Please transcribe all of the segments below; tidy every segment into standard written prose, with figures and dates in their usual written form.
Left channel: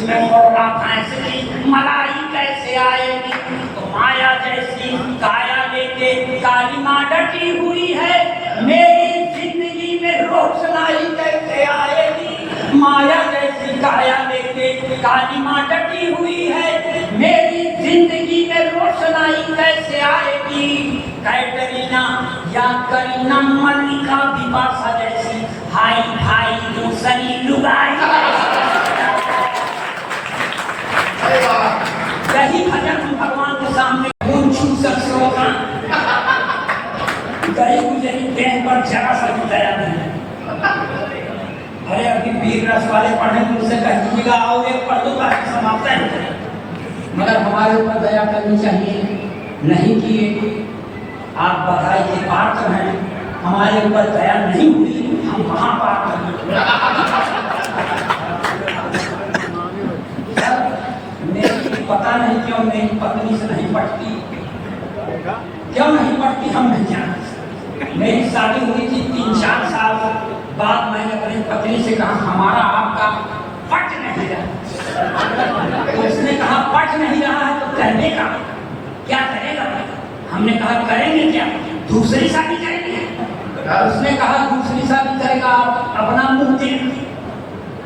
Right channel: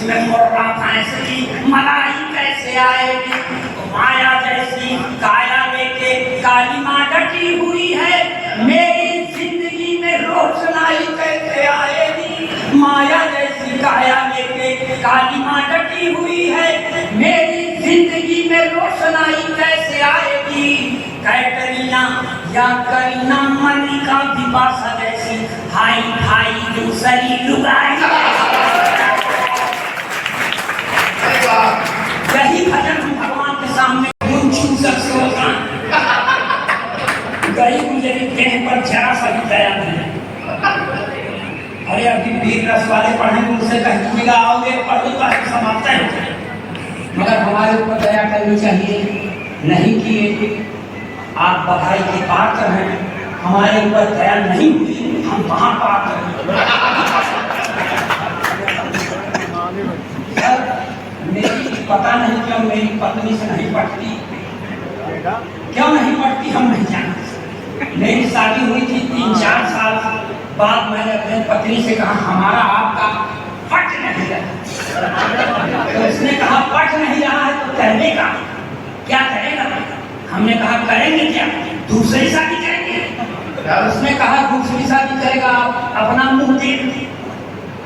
इसमें मोटा फैंसली मलाई कैसे आएगी? तो माया जैसी काया लेके काली माँ डटी हुई है, मेरी जिंदगी में रोशनाई कैसे आएगी? माया जैसी काया लेके काली माँ डटी हुई है, मेरी जिंदगी में रोशनाई कैसे आएगी? कैटरीना या करीना मलिका बिपाशा जैसी हाई हाई दूसरी लुगाई। यही भजन भगवान के सामने छू सकते होगा। गरीब गुजरी देह पर जरा सा भी दया नहीं। अरे अभी वीर रस वाले पढ़ेंगे, उनसे कह दीजिएगा आओगे पढ़ दो बाकी समाप्त है, मगर हमारे ऊपर दया करनी चाहिए। नहीं किए आप बधाई के पात्र हैं, हमारे ऊपर दया नहीं हुई, हम वहां पात्र हैं। मेरी पता नहीं क्यों मेरी पत्नी से नहीं पटती, क्यों नहीं पटती हम नहीं जानते। मेरी शादी हुई थी 3-4 साल बाद, मैंने अपनी पत्नी से कहा हमारा आपका पट नहीं रहा। तो उसने कहा पट नहीं रहा है तो कहने का क्या करेगा? हमने कहा करेंगे क्या, दूसरी शादी करेंगे। उसने कहा दूसरी शादी करेगा अपना मुंह देख।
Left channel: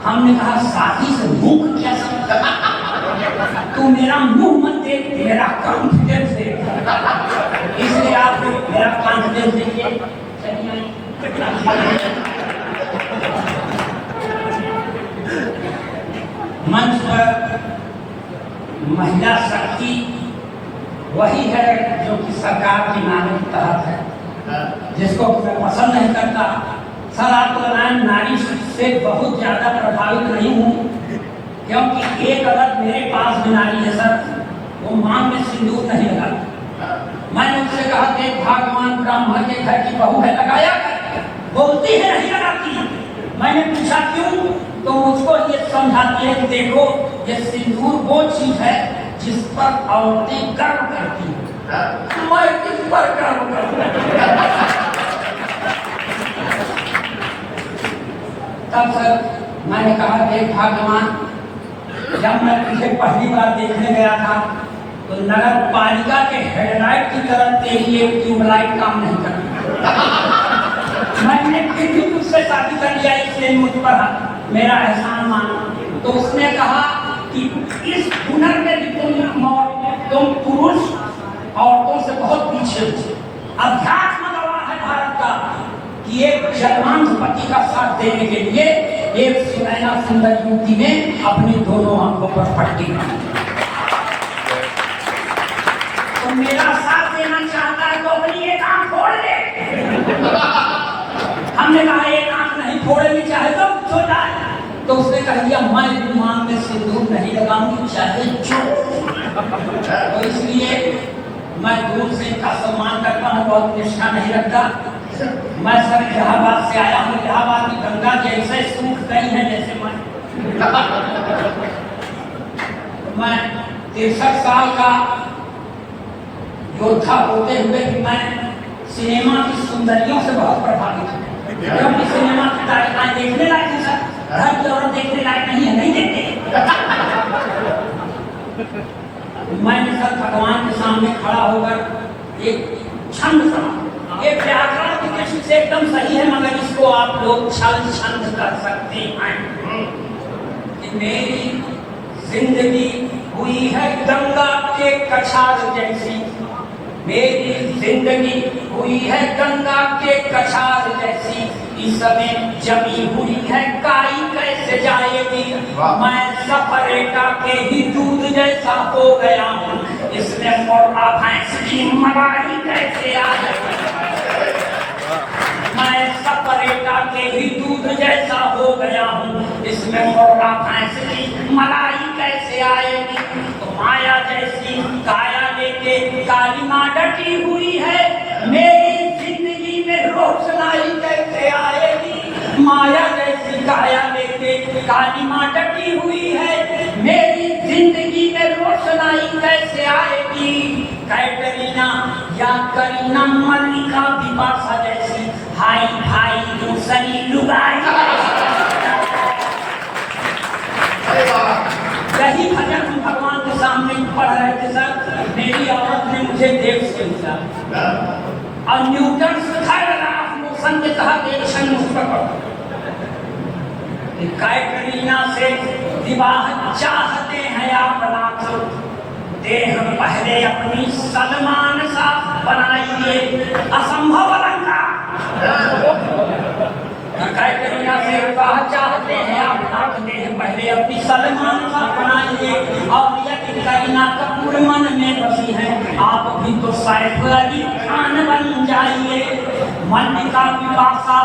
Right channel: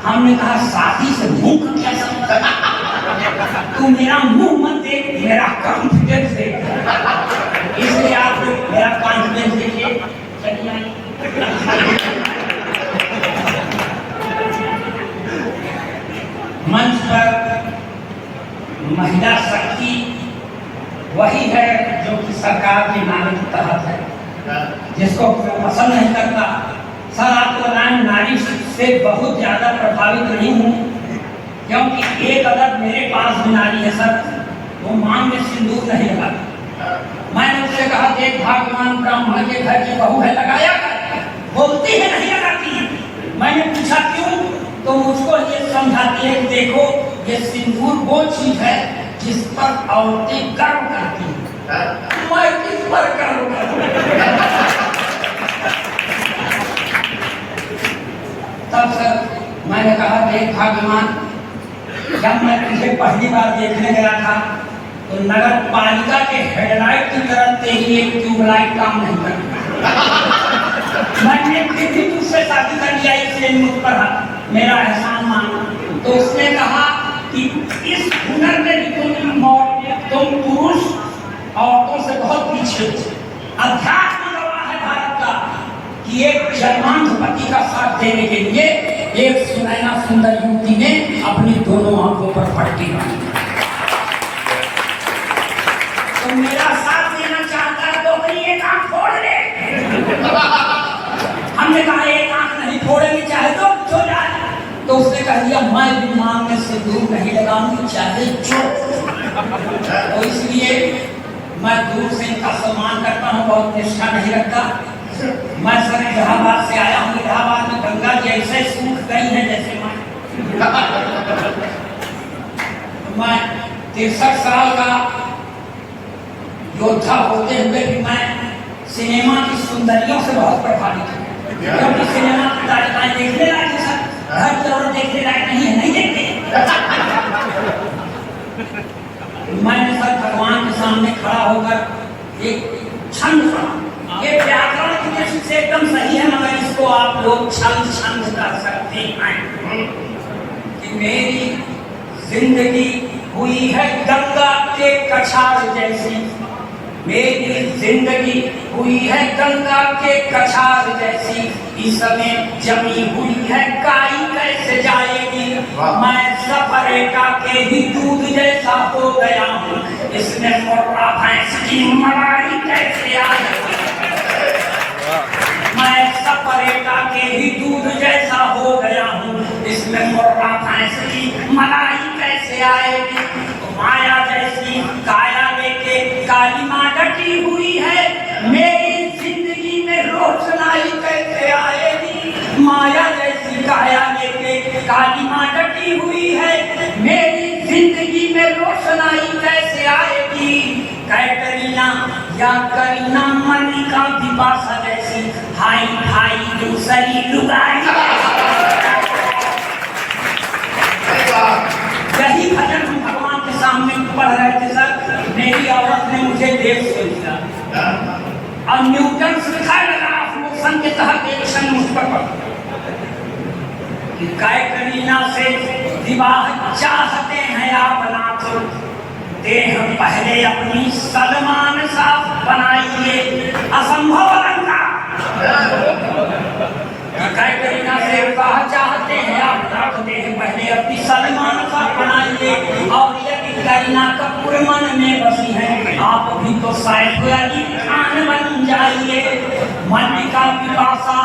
हमने कहा शादी से मुंह क्या समझता? तू मेरा मुंह मत देख, मेरा कॉन्फिडेंस देख। इसलिए आप मेरा कॉन्फिडेंस देखिए। मंच पर महिला शक्ति वही है जो कि सरकार के नारे के तहत है, जिसको पसंद नहीं करता। सर आपको नारी से बहुत ज्यादा प्रभावित नहीं हूँ, क्योंकि एक अदर मेरे पास भी नारी है सर, वो मांग में सिंदूर नहीं लगा। मैंने उससे कहा देख भगवान ब्राह्मण के घर की बहू है, लगाया? बोलती है नहीं लगाती। मैंने पूछा क्यों, तो मुझको ये समझाती है कि देखो ये सिंदूर वो चीज है जिस पर औरतें गर्व करती हैं। मैं किस पर गर्व करती? तब सर मैंने कहा देख भगवान, जब मैं तुझे पहली बार देखने गया था तो नगर पालिका के हेडलाइट की तरफ तेरी एक ट्यूबलाइट काम नहीं करती। मैंने फिर भी तुझसे शादी कर लिया, इसलिए मुझ पर मेरा एहसान माना। तो उसने कहा कि इस हुनर में भी तुम पुरुष औरतों से बहुत पीछे हो। अध्यात्म गवाह है भारत का कि एक जन्मांध पति का साथ देने के लिए एक सुनैना सुंदर युवती ने अपनी दोनों आंखों पर पट्टी बांधी। तो मेरा साथ देना चाहता है तो अपनी एक आंख फोड़ ले। हमने कहा एक आंख नहीं फोड़ेगी, चाहे तो छो जाए। तो उसने कह दिया मैं भी मांग में सिंदूर नहीं लगाऊंगी, चाहे जो। तो इसलिए मैं दूर से इनका सम्मान करता हूँ, बहुत निष्ठा नहीं रखता। मैं सर इलाहाबाद से आया हूँ, इलाहाबाद में गंगा जी ऐसे सूख गई है जैसे मैं 63 साल का योद्धा होते हुए भी मैं सिनेमा की सुंदरियों से बहुत प्रभावित हूँ, क्योंकि सिनेमा की तारीखें देखने लायक है सर, घर की औरत देखने लायक नहीं है, नहीं देखते। मैंने सर भगवान के सामने खड़ा होकर एक छंद पढ़ा। ये व्याकरण की दृष्टि से एकदम सही है, मगर इसको आप लोग छंद कर सकते हैं कि मेरी जिंदगी हुई है गंगा के कछार जैसी, मेरी जिंदगी हुई है गंगा के कछार जैसी, इसमें जमी हुई है काई कैसे जाएगी? मैं सफरेटा के ही दूध जैसा हो गया हूँ, इसमें मोटा भैंस की मलाई कैसे आएगी? मैं सफरेटा के ही दूध जैसा हो गया हूँ, इसमें मोटा भैंस की मलाई कैसे आएगी? तो माया जैसी काया लेके काली माँ डटी हुई है, मेरी जिंदगी में रोशनाई कैसे आएगी? माया जैसी काया लेके काली माँ डटी हुई है, मेरी जिंदगी में रोशनाई कैसे आएगी? कैटरीना या करीना मलिका बिपाशा जैसी हाई हाई दूसरी लुगाई। और Newton third law of motion के तहत एक्शन उस पर काय करीना से विवाह चाहते हैं आप नाथ, देह पहले अपनी सलमान सा बनाइए, असंभव लंका। काय करीना से विवाह चाहते हैं आप नाथ, देह पहले अपनी सलमान सा बनाइए, और यदि करीना कपूर मन में बसी है आप भी तो सैफ अली खान बन जाइए। मल्लिका पिपासा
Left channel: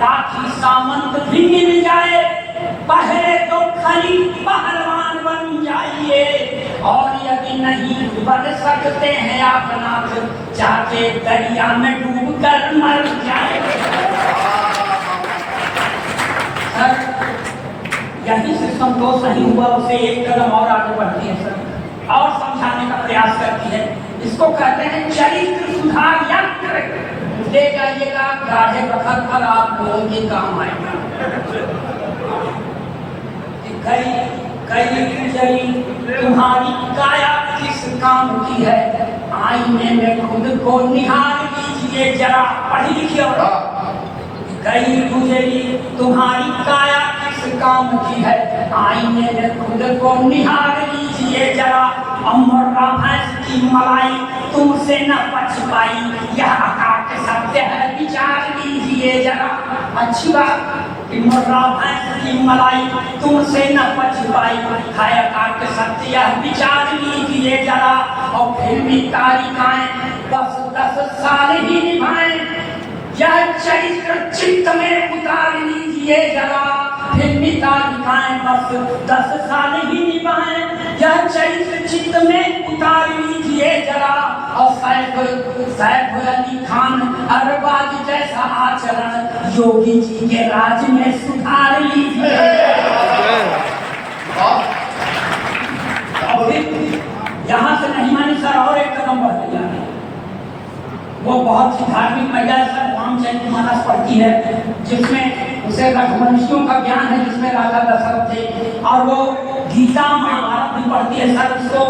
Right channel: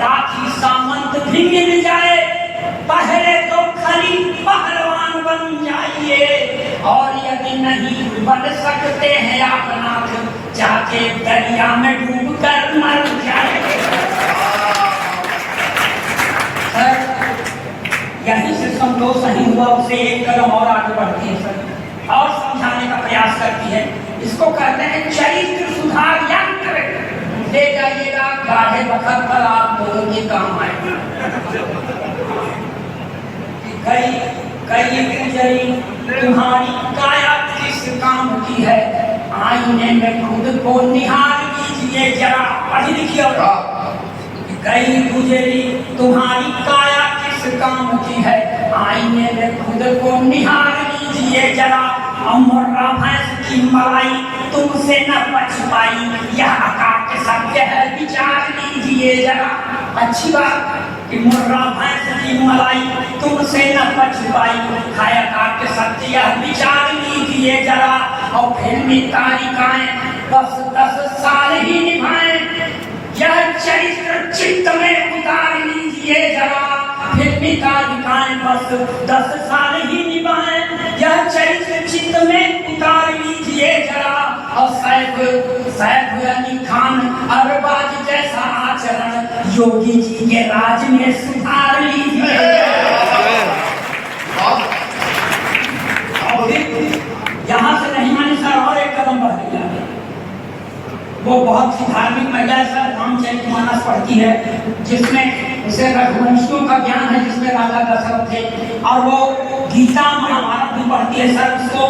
राखी सामंत भी मिल जाए, पहले तो खली पहलवान बन जाइए, और यदि नहीं बन सकते हैं आप नाथ, जाके दरिया में डूब कर मर जाए। सर यही से संतोष नहीं हुआ, उसे एक कदम और आगे बढ़ती है सर, और समझाने का प्रयास करती है। इसको कहते हैं चरित्र सुधार यंत्र। दे जाइएगा गाढ़े वक्त पर आप लोगों के काम आएगा। कई गुजरी तुम्हारी काया किस काम की है, आईने में खुद को निहार लीजिए जरा। पढ़ी लिखिए। कई गुजरी तुम्हारी काया किस काम की है, आईने में खुद को निहार लीजिए जरा। अमरा भैंस की मलाई तुमसे न बच पाई, यह अकाट सत्य है विचार लीजिए जरा। अच्छी बात कि मुर्रा भैंस की मलाई तुमसे न बच पाई, है अकाट सत्य यह विचार लीजिए जरा। और फिल्मी तारिकाएं 10-10 साल ही निभाएं, यह चरित्र चित्त में उतार लीजिए जरा। फिल्मी तारिकाएं बस 10 साल ही निभाएं, यह चरित्र चित्त में उतार लीजिए जरा। और सैफ अली खान अरबाज जैसा आचरण योगी जी के राज में सुधार लीजिए। यहाँ से नहीं माने सर, और एक कदम बढ़ गया। वो बहुत सी धार्मिक महिला सर रामचरितमानस पढ़ती है, जिसमें उसे रघुवंशियों का ज्ञान है, जिसमें राजा दशरथ थे, और वो गीता महाभारत भी पढ़ती है सर, उसको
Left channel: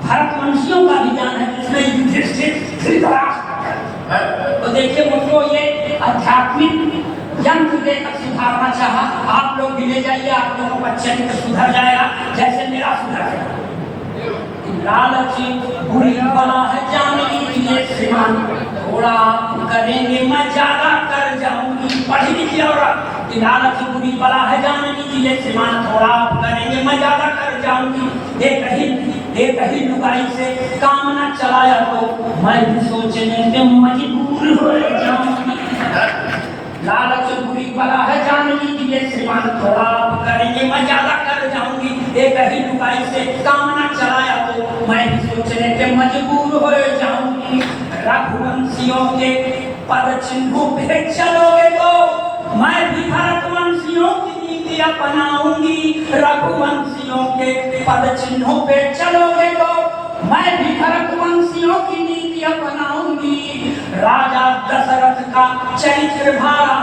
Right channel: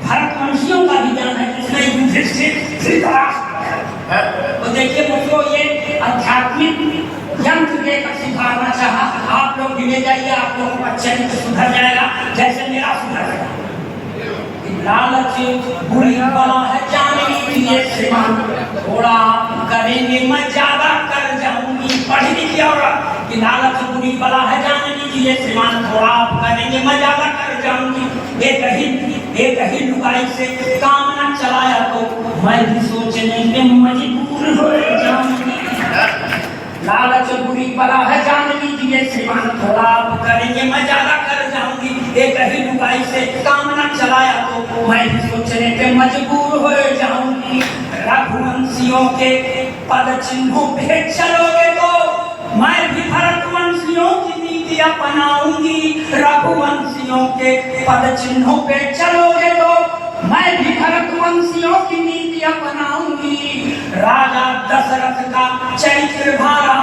भरतवंशियों का भी ज्ञान है, जिसमें युधिष्ठिर धृतराष्ट्र। तो देखिए मुझको ये आध्यात्मिक यंत्र देकर सुधारना चाहा। आप लोग भी ले जाइए, आप लोगों का चरित्र सुधर जाएगा, जैसे मेरा सुधर जाएगा। लालच बुरी बला है जान लीजिए श्रीमान, थोड़ा करेंगे मैं ज्यादा कर जाऊंगी। पढ़ी लिखिए। और लालच बुरी बला है जान लीजिए श्रीमान, थोड़ा करेंगे मैं ज्यादा कर जाऊंगी। एक ही लुगाई से काम न चलाया तो मैं भी सोचने के मजबूर हो जाऊंगी। लालच बुरी बला है जान लीजिए श्रीमान, थोड़ा करेंगे मैं ज्यादा कर जाऊंगी। एक ही लुगाई से काम न चलाया तो मैं भी सोचने पे मजबूर हो जाऊंगी। रघुवंशियों के पद चिन्हों पे चलोगे तो मैं भी भरतवंशियों की नीति अपनाऊंगी। रघुवंशियों के पद चिन्हों पे चलोगे तो मैं भी भरतवंशियों की नीति अपनाऊंगी। राजा दशरथ का चरित्र भारा